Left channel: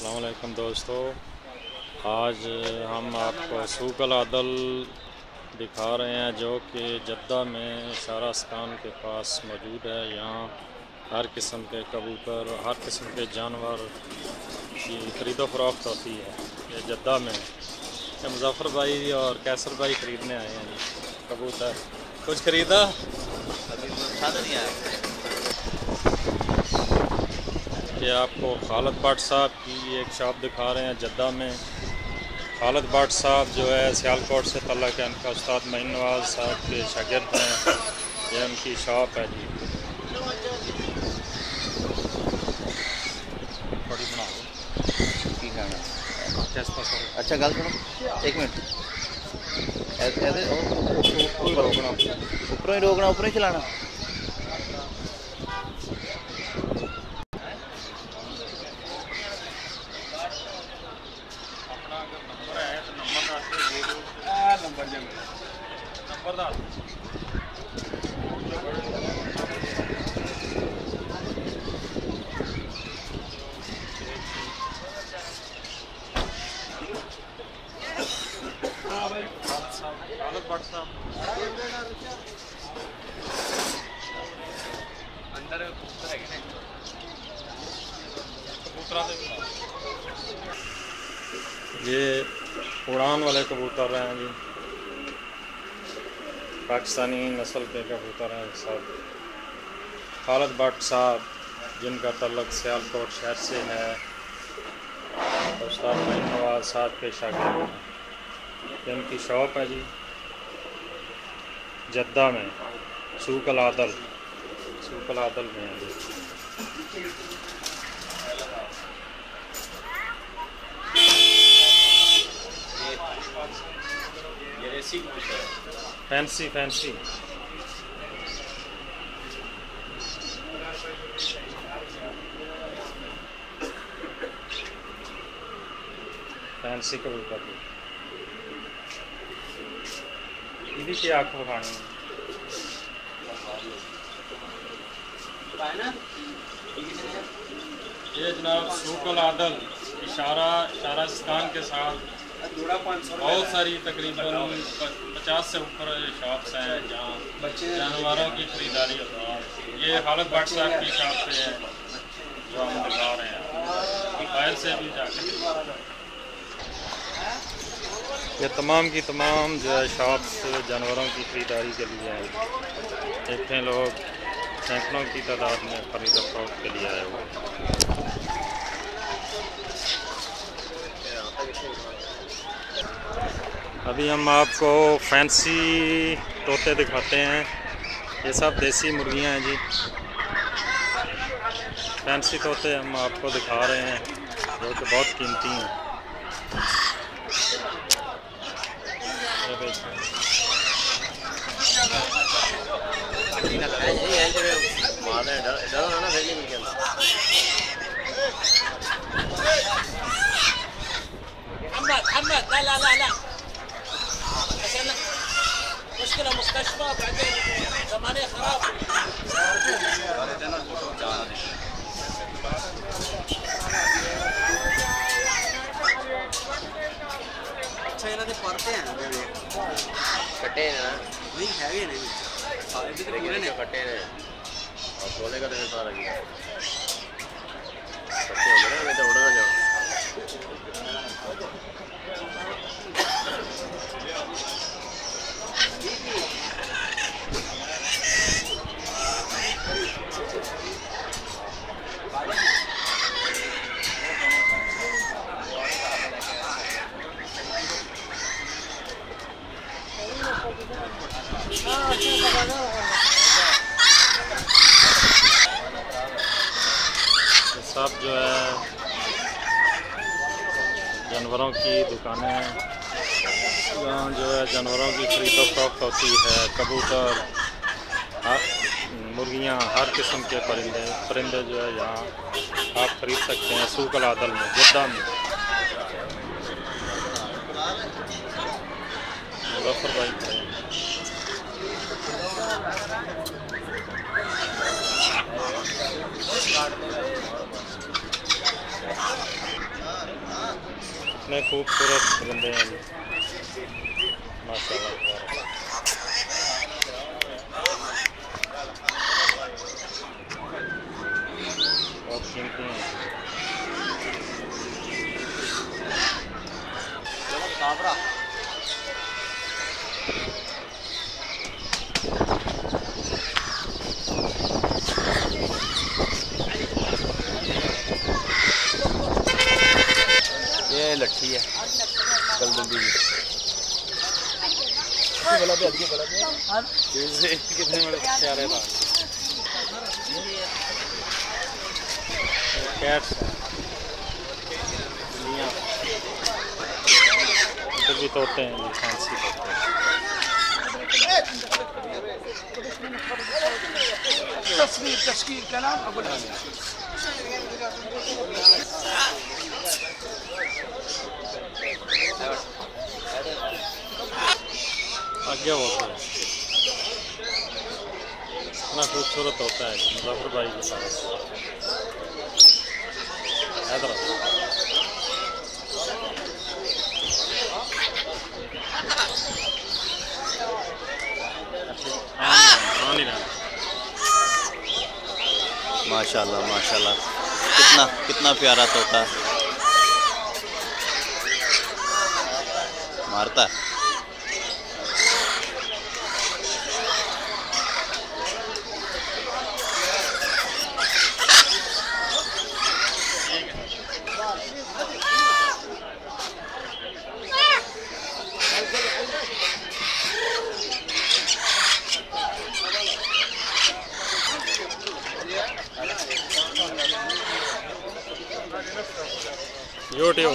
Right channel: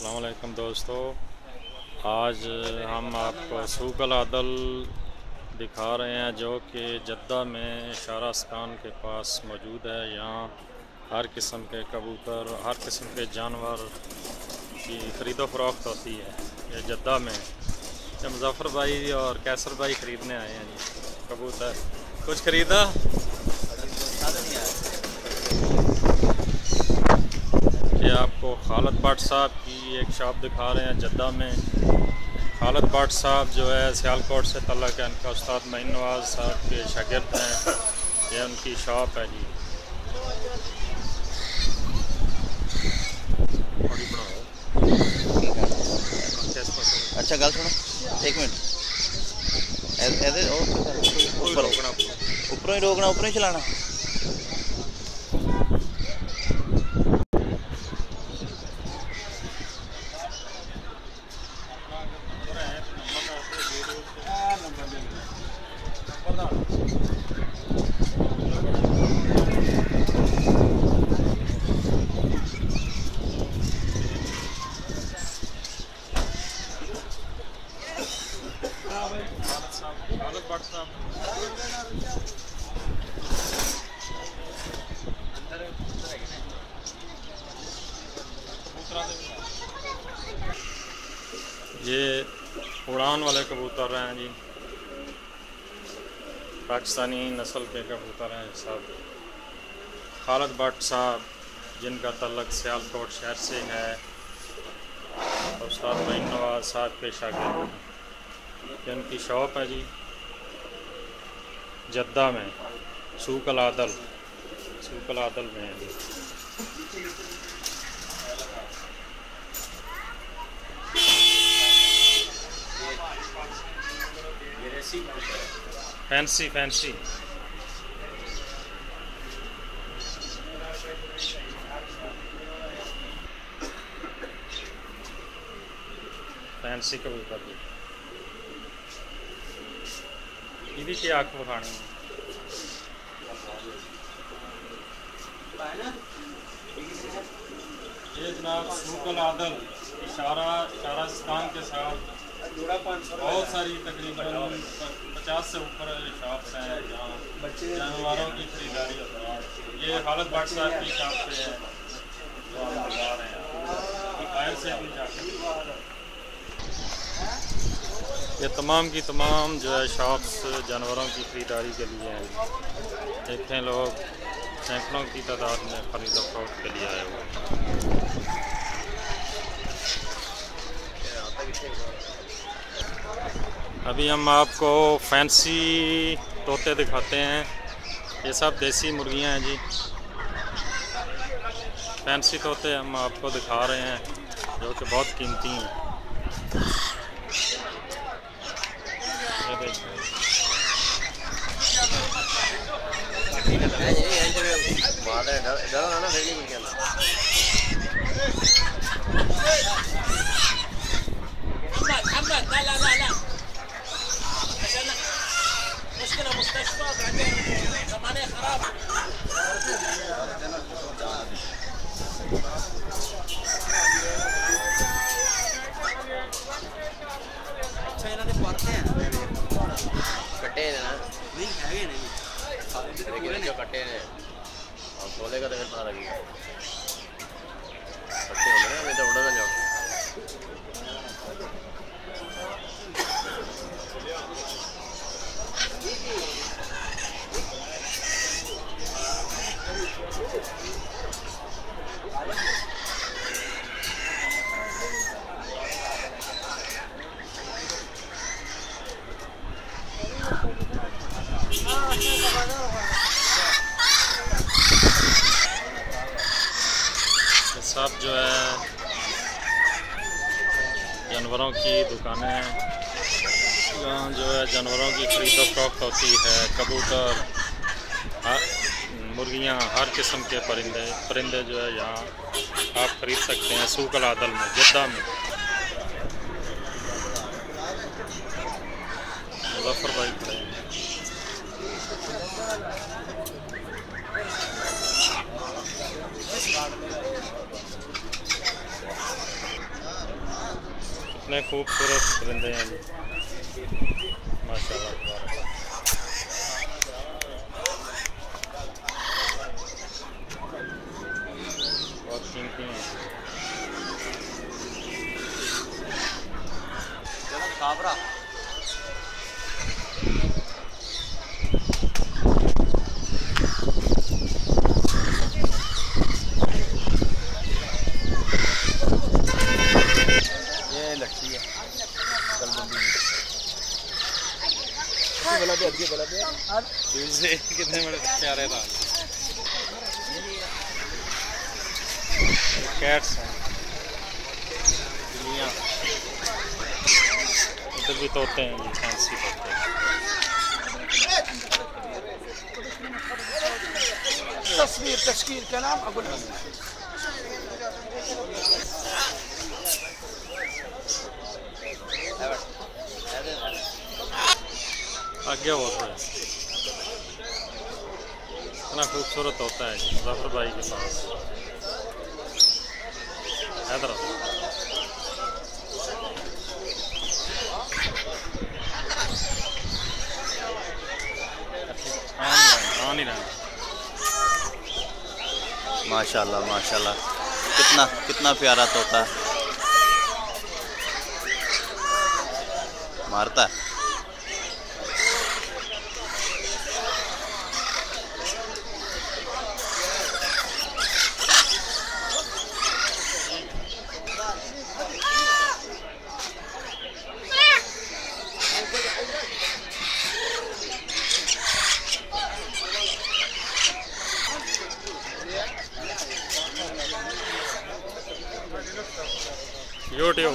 अस्सलाम वालेकुम दोस्तों, आज हम आपको सूक अल आदल दिखा रहे हैं जो कि जद्दा में शारा स्कान के पास मौजूद है। यहाँ हर किस्म के कबूतर, हर किस्म के जानवर की ख़रीदो फ़रोख्त होती है। ये जद्दा में ये मुज़फ़्फ़र भाई और कैसर भाई ख़रीदने आए हैं जी कबूतर। कुछ ख़रीदा? ये आपको खालिद भट्ट साहब की एक शॉप दिखा रहे हैं जद्दा में। खालिद भट्ट साहब जो है सियालकोट से तल्लक है, इनका उस्ताद मईन नवाज़ साहब के शागिर्द हैं। ये उनकी शॉप है जी। बड़ी बनाओ। अच्छा गल सुनो, एक मिनट। ऊपर रोकना, ऊपरों ही रोकना, ऊपरों ही चलाना। ये उड़ान वाले कबूतर हैं जी, पाकिस्तानी नस्ल के कबूतर हैं सब। खालिद भट्ट साहब जिनका तल्लक सियालकोट शहर से है, उस्ताद मईन नवाज़ साहब के शागिर्द हैं। ये उनकी शॉप है जी जद्दा में, सूक अल आदल में है जी। फैंसी फैंसी फैंसी कबूतर की इहदी की आँख विखानी ये जनाब सूक अल आदल शारा स्कान के साथ बहुत सारी तकरीबन 50 से ऊपर शॉप्स हैं जहाँ जानवरों की खरीदारी होती है। ये खालिद भट्ट साहब की शॉप पे है जो हम दिखा रहे हैं। बाहर से भी जाकर ये तमाम की तमाम जो है शॉप्स जानवरों की खरीदारी के लिए हैं। देखें लोग सैकड़ों की तादाद में खरीदो फरोख्त के लिए आए हुए हैं। अभी हम आपको फैंसी तोते दिखाते हैं। ये सब देसी मुर्गियां हैं जी। फैंसी तोते हम आपको दिखा रहे हैं जो कि बहुत कीमती हैं। ये देखिए सब जो है जानवरों की दुकानें हैं जहाँ जो है जानवरों की खरीदो फरोख्त होती है। कबूतर, मुर्गियाँ, हर किस्म के परिंदे जो है यहाँ आप ख़रीद सकते हैं सूक अल आदल में जद्दा में। मुज़फ़्फ़र भाई खड़े हैं। कितने खूबसूरत परिंदे हैं जी, माशाल्लाह तबारक। बहुत कीमती हैं। ये लट्ठी है कितने प्यारे था। कैट्स हैं, बिल्लियाँ। इधर भी तोते हैं जी, फैंसी तोते। तस्वीर कलाम अबुल आगे होता है, इतना खूबसूरत होता है जी मुजफ्फर भाई के पास। हैदरा माशाल्लाह माशाल्लाह, कितना प्यारा तोता मारता है। यूट्यूब